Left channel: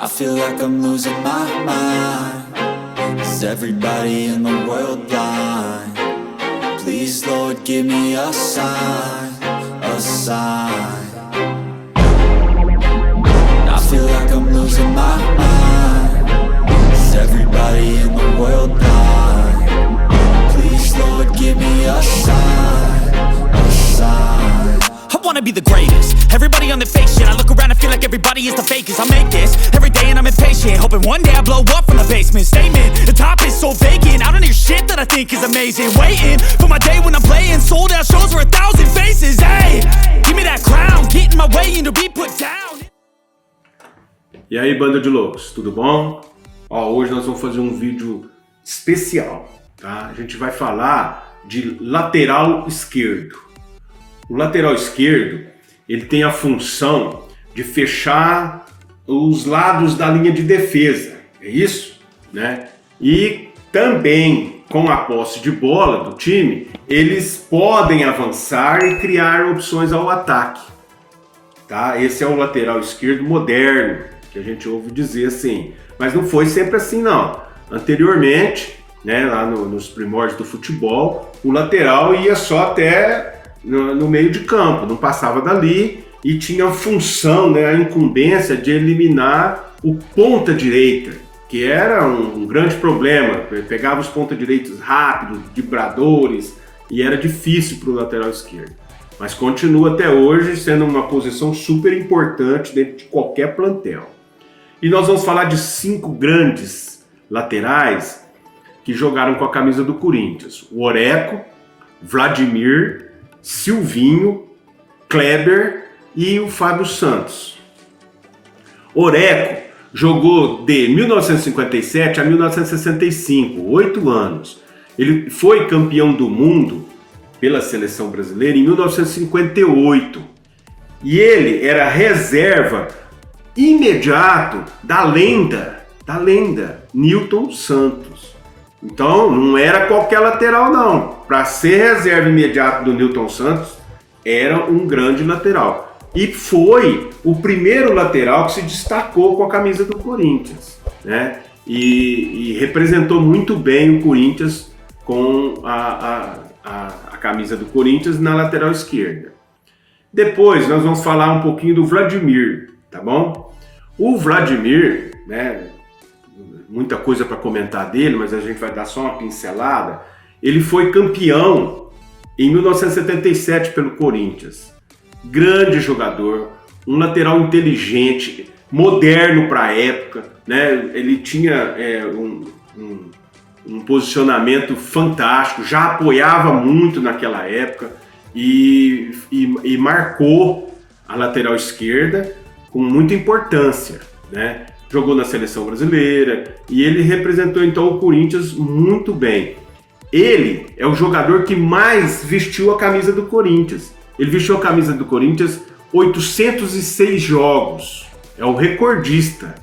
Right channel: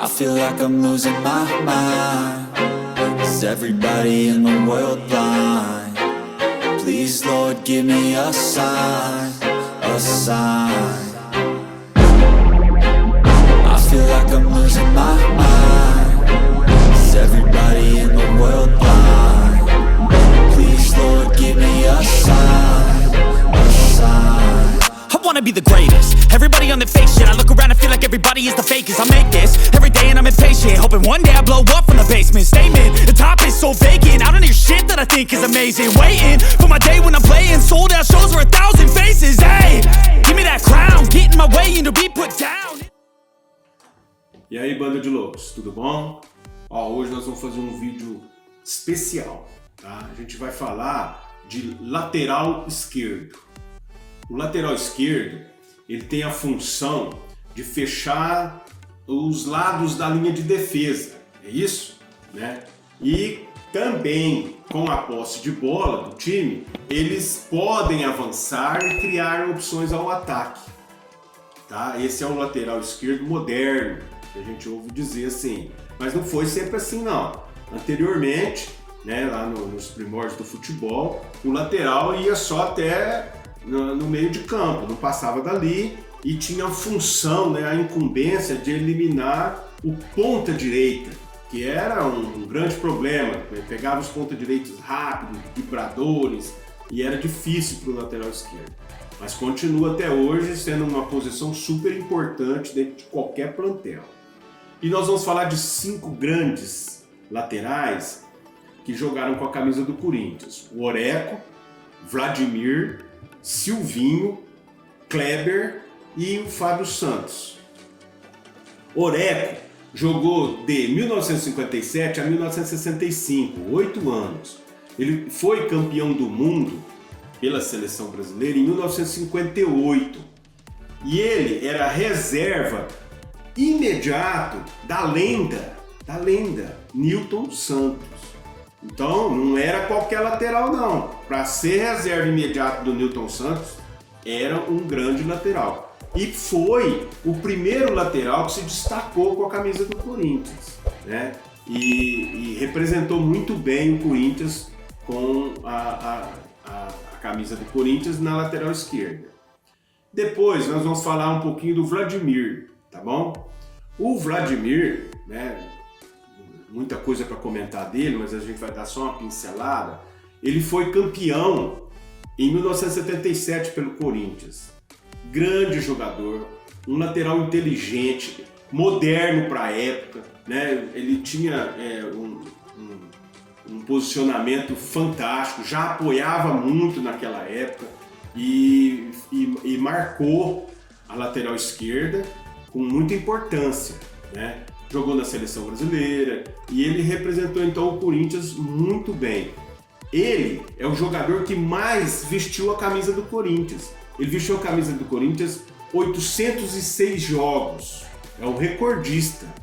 I feel like I'm losing my mind. Is everybody in the world blind? Please, Lord, give me a sign, a sign. I feel like I'm losing my mind. Is everybody in the world blind? Please, Lord, give me a sign, a sign. I wanna be the greatest. Everybody on the fake shit. I look around and feel like everybody is the fakest. I make this every day and I'm impatient, hoping one day I blow up from the basement. Statement, the top is so vacant. I don't hear shit that I think is amazing. Waiting for my day when I'm playing sold out shows for 1,000 faces. Hey, give me that crown, get in my way and to be put down. E aí, banda de loucos, tudo bom? Ó, hoje nós vamos fazer um vídeo especial, tá? A gente vai falar de lateral esquerdo. O lateral esquerdo, ele tem a função de fechar os lados da linha de defesa, é isso, né? E também, com a posse de bola do time, eles podem avançar e criar opções ao ataque, tá? Esse é o lateral esquerdo moderno, que a gente ouve dizer assim, mas não foi sempre assim não. Anteriormente, né, lá nos primórdios do futebol, o lateral ia só até no meio de campo, não passava dali e tinha a função, né, a incumbência de eliminar o ponta direita, que era um grande problema. Pegava os ponta direitos rápidos, vibradores, e era difícil para o lateral esquerdo. Mas continua até hoje sendo uma posição super importante dentro de qualquer plantel. E nós vamos falar de 5 grandes laterais que jogaram com a camisa do Corinthians: o Oreco, Vladimir, Silvinho, Kleber e o Fábio Santos. Oreco jogou de 1957 a 1965, 8 anos. Ele foi campeão do mundo pela seleção brasileira em 1958. E ele era reserva imediato da lenda Newton Santos. Então não era qualquer lateral não. Para ser reserva imediato do Newton Santos, era um grande lateral. E foi o primeiro lateral que se destacou com a camisa do Corinthians, né? E representou muito bem o Corinthians com a camisa do Corinthians na lateral esquerda. Depois nós vamos falar um pouquinho do Vladimir, tá bom? O Vladimir, né? Muita coisa para comentar dele, mas a gente vai dar só uma pincelada. Ele foi campeão em 1977 pelo Corinthians. Grande jogador, um lateral inteligente, moderno para a época, né? Ele tinha um posicionamento fantástico, já apoiava muito naquela época e marcou a lateral esquerda com muita importância, né? Jogou na seleção brasileira e ele representou então o Corinthians muito bem. Ele é o jogador que mais vestiu a camisa do Corinthians. Ele vestiu a camisa do Corinthians 806 jogos. É o recordista.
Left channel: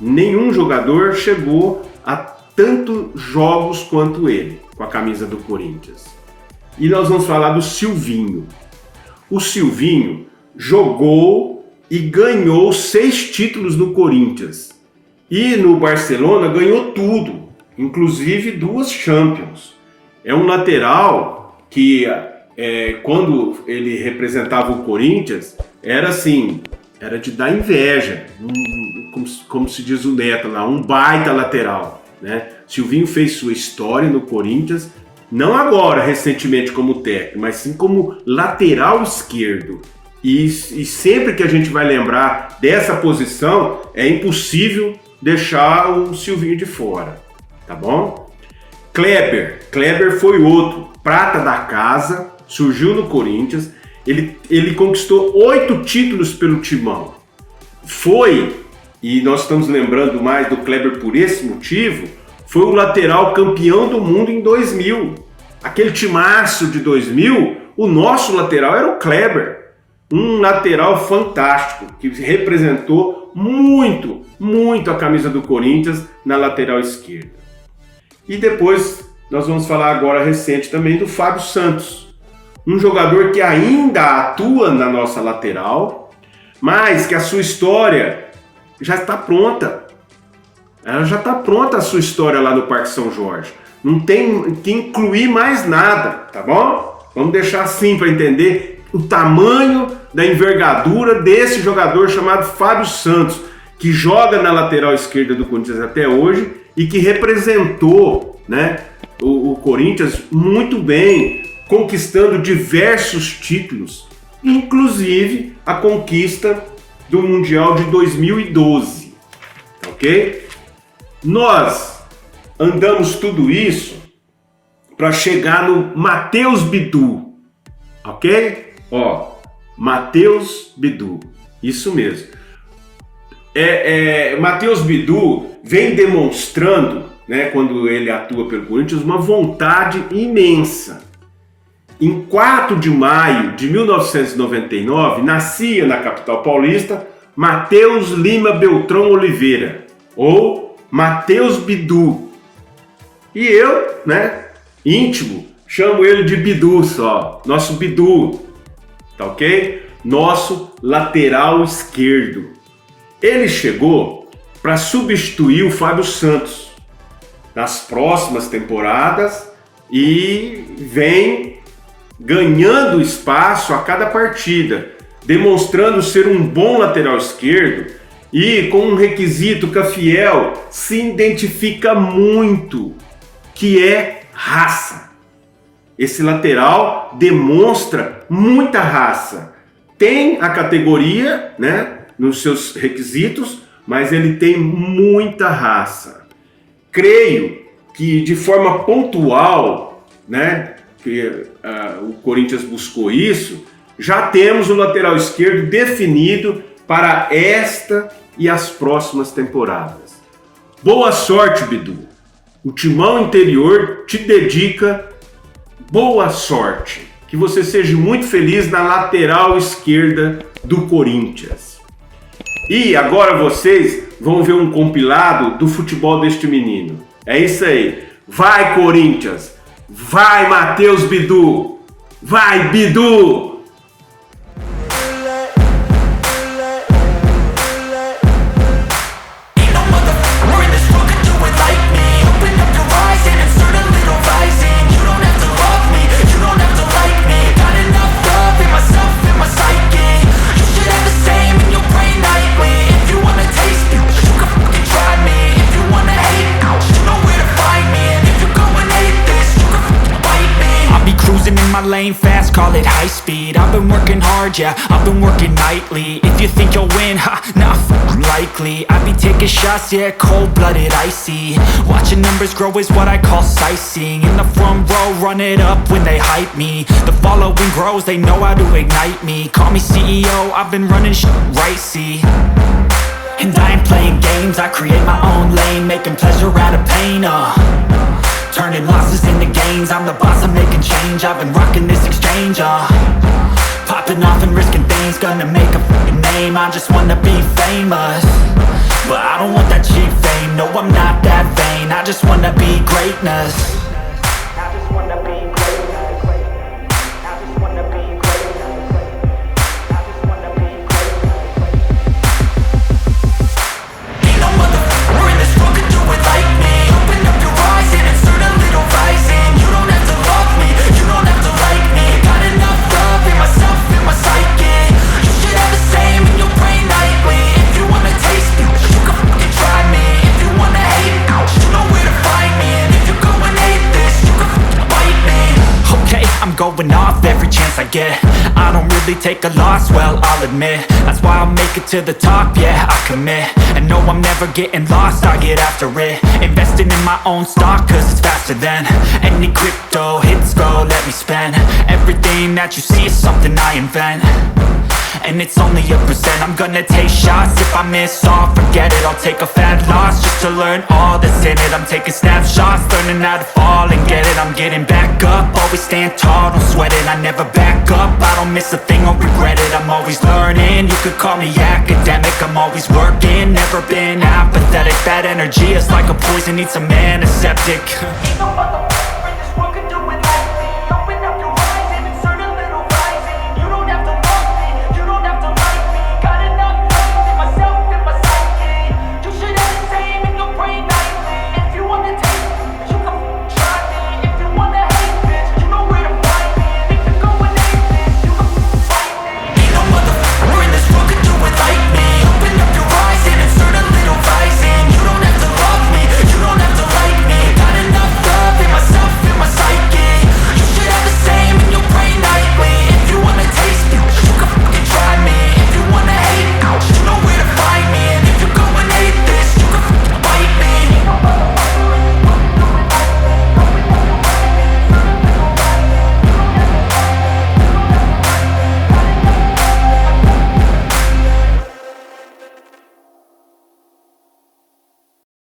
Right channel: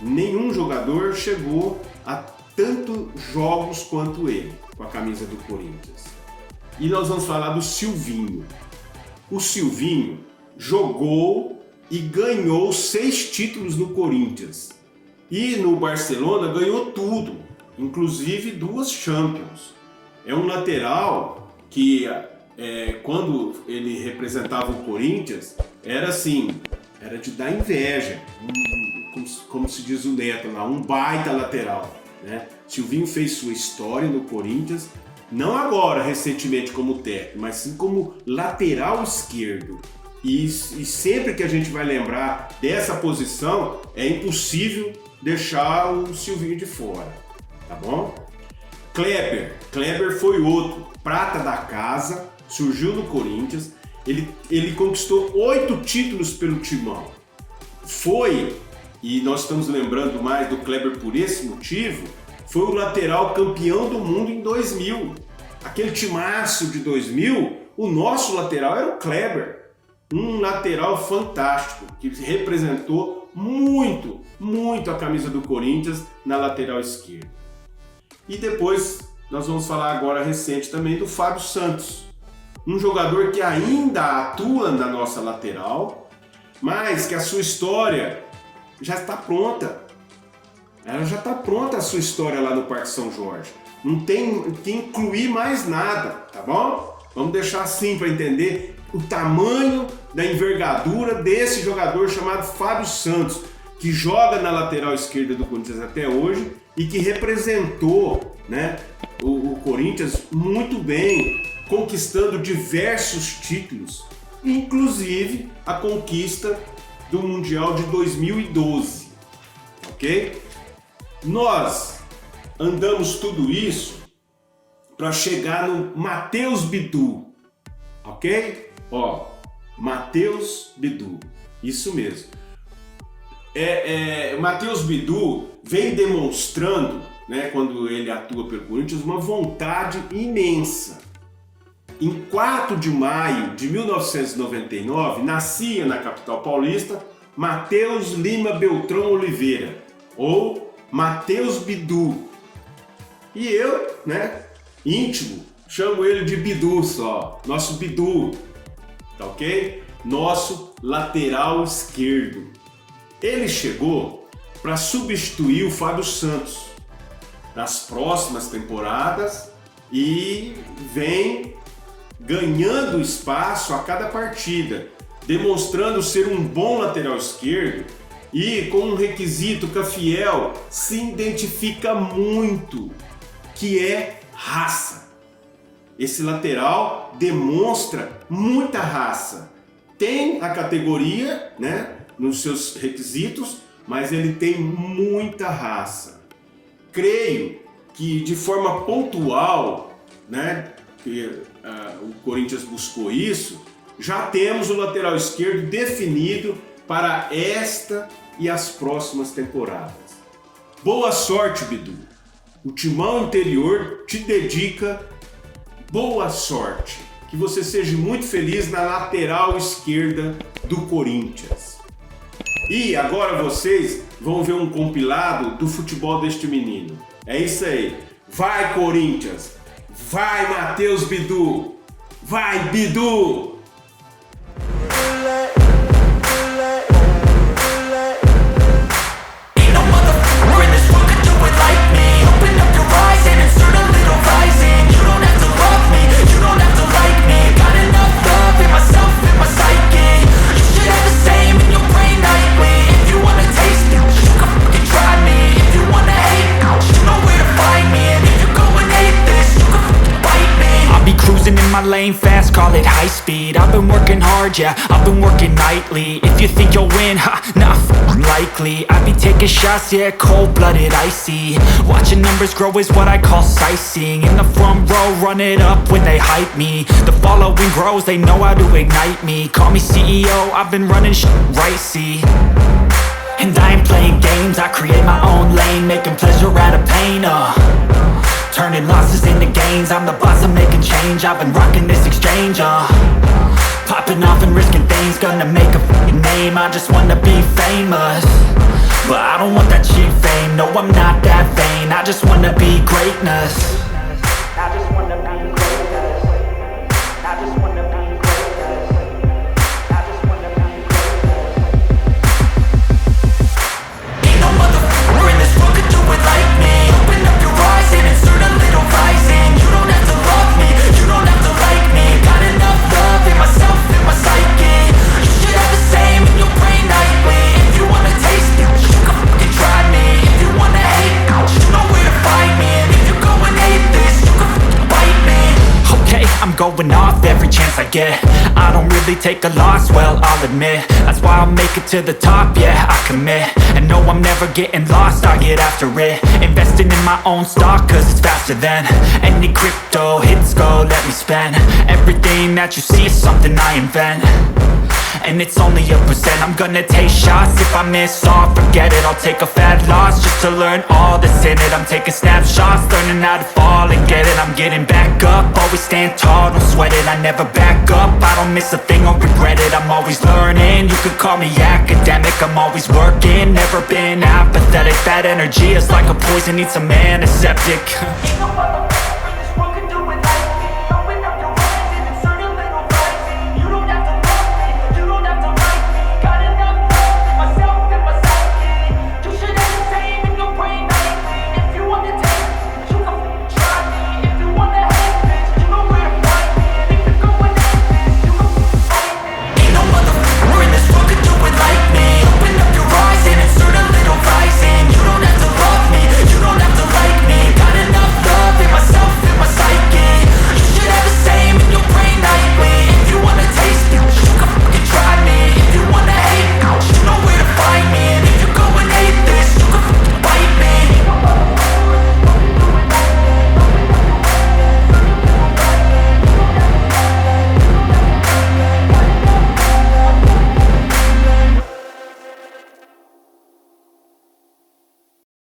Nenhum jogador chegou a tantos jogos quanto ele com a camisa do Corinthians. E nós vamos falar do Silvinho. O Silvinho jogou e ganhou 6 títulos no Corinthians. E no Barcelona ganhou tudo, inclusive 2 Champions. É um lateral que, quando ele representava o Corinthians, era assim, era de dar inveja, como se diz o Neto lá, um baita lateral, né? Silvinho fez sua história no Corinthians, não agora, recentemente como técnico, mas sim como lateral esquerdo. E sempre que a gente vai lembrar dessa posição, é impossível deixar o Silvinho de fora, tá bom? Kleber foi outro, prata da casa, surgiu no Corinthians, ele conquistou 8 títulos pelo Timão. E nós estamos lembrando mais do Kleber por esse motivo, foi o lateral campeão do mundo em 2000. Aquele timaço de 2000, o nosso lateral era o Kleber. Um lateral fantástico, que representou muito a camisa do Corinthians na lateral esquerda. E depois nós vamos falar agora recente também do Fábio Santos, um jogador que ainda atua na nossa lateral, mas que a sua história já está pronta. Ela já está pronta a sua história lá no Parque São Jorge. Não tem que incluir mais nada, tá bom? Vamos deixar assim para entender o tamanho da envergadura desse jogador chamado Fábio Santos, que joga na lateral esquerda do Corinthians até hoje e que representou, né, o Corinthians muito bem, conquistando diversos títulos, inclusive a conquista do Mundial de 2012, ok? Nós andamos tudo isso para chegar no Matheus Bidu, ok? Ó, Matheus Bidu, isso mesmo. Matheus Bidu vem demonstrando, né, quando ele atua pelo Corinthians, uma vontade imensa. Em 4 de maio de 1999, nascia na capital paulista Matheus Lima Beltrão Oliveira, ou Matheus Bidu. E eu, né, íntimo, chamo ele de Bidu só, nosso Bidu, tá ok? Nosso lateral esquerdo. Ele chegou para substituir o Fábio Santos nas próximas temporadas e vem ganhando espaço a cada partida, demonstrando ser um bom lateral esquerdo e com um requisito que a Fiel se identifica muito, que é raça. Esse lateral demonstra muita raça. Tem a categoria, né, nos seus requisitos, mas ele tem muita raça. Creio que de forma pontual, né, que o Corinthians buscou isso, já temos o lateral esquerdo definido para esta e as próximas temporadas. Boa sorte, Bidu. O Timão Interior te dedica boa sorte. Que você seja muito feliz na lateral esquerda do Corinthians. E agora vocês vão ver um compilado do futebol deste menino. É isso aí. Vai, Corinthians! Vai, Matheus Bidu! Vai, Bidu! Cruising in my lane fast, call it high speed. I've been working hard, yeah, I've been working nightly. If you think you'll win, ha, not likely. I be taking shots, yeah, cold-blooded, icy. Watching numbers grow is what I call sightseeing. In the front row, run it up when they hype me. The following grows, they know how to ignite me. Call me CEO, I've been running right, see. And I ain't playing games, I create my own lane, making pleasure out of pain, turning losses into gains, I'm the boss, I'm making change. I've been rocking this exchange, popping off and risking things, gonna make a f***ing name. I just wanna be famous, but I don't want that cheap fame. No, I'm not that vain, I just wanna be greatness. I just wanna be greatness. I just wanna be greatness. I just wanna be greatness. Ain't no motherfucker in this world could do it like me. Open up your eyes and insert a little rising. You don't have to love me, you don't have to like me. Got enough love in myself, in my psyche. You should have the same in your brain nightly. If you wanna taste it, you can fucking try me. If you wanna hate, you know where to find me. And if you go and hate this, you can fucking bite me. Okay, I'm going off every chance I get. I don't really take a loss, well, I'll admit. That's why I'll make it to the top, yeah, I commit. And no, I'm never getting lost, I get after it. Investing in my own stock, cause it's faster than any crypto hits go, let me spend. Everything that you see is something I invent, and it's only a percent. I'm gonna take shots, if I miss all, forget it. I'll take a fat loss just to learn all that's in it. I'm taking snapshots, learning how to fall and get it. I'm getting back up, always stand tall, don't sweat it. I never back up, I don't miss a thing or regret it. I'm always learning, you could call me academic. I'm always working, never been apathetic. That energy is like a poison, needs some antiseptic. Ain't no